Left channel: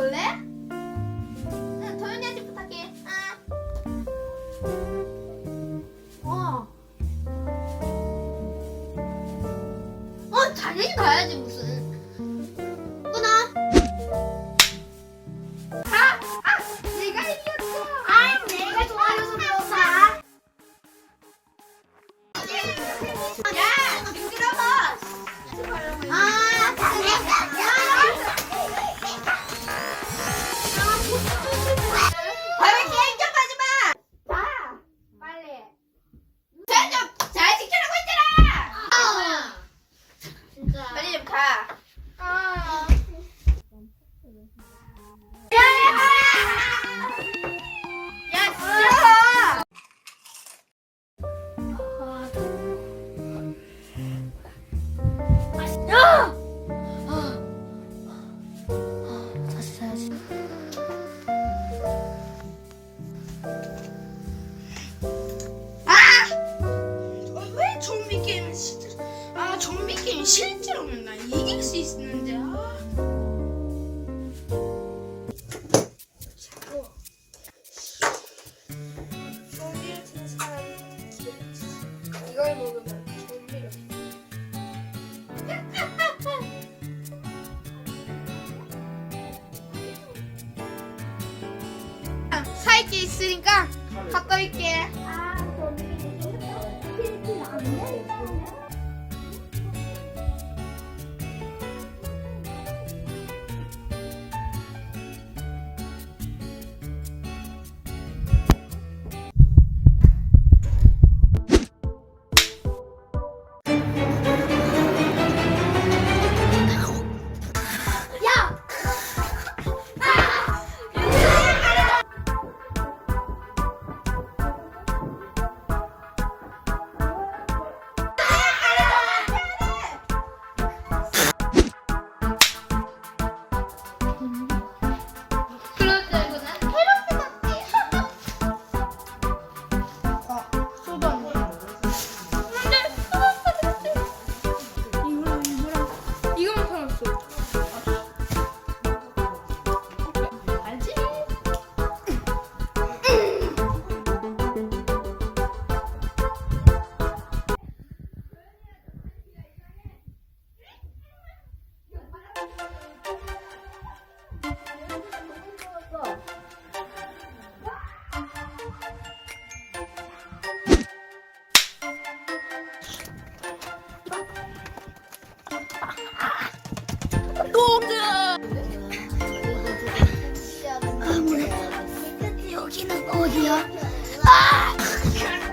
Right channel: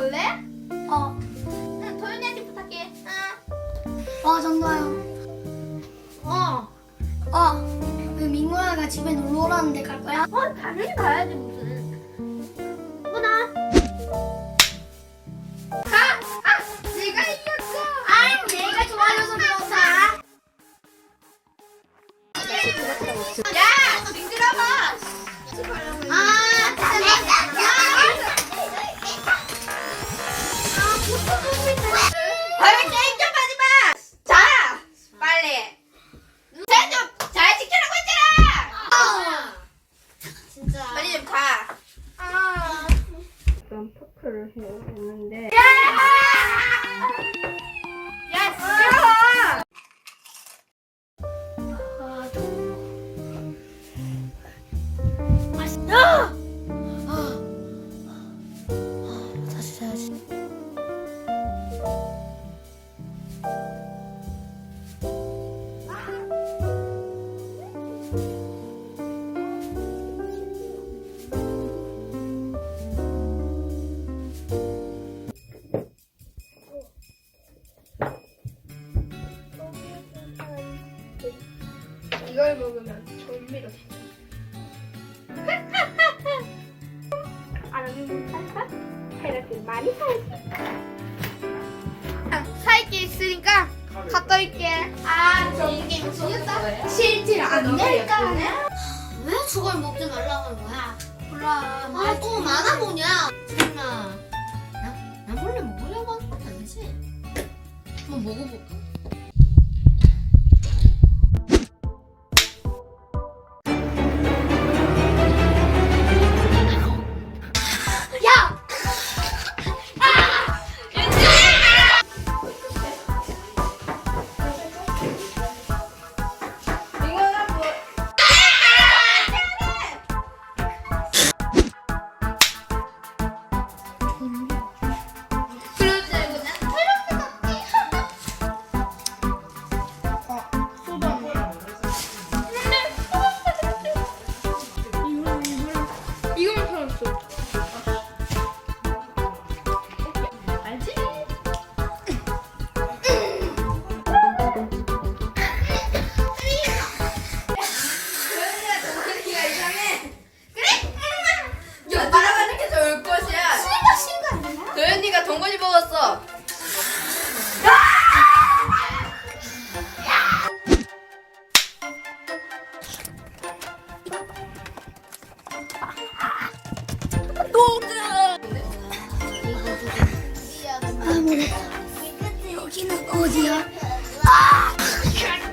먹을래? 어, 응, 도윤이한테 부탁해. 응. 어, 정도요. 어. 어, 그 민구야가 집에 놀러 오라는데 갈 거야? 어, 당연히 가야지 아, 다시 자야지. 왜 좀비 게임은 진짜 아 좀비 게임 실제로는 나 이길 수 있는데 아. 좀비 같은 사람 이걸 먹으면 사이키 있으니까 갔다 올게. 아, 저기 게임 지렸다. 실질 안 될까? 왜 저걸 먹지 말라고 하는 거야? 몰라. 아, 또 많아 보냐? 뭐야. 여기는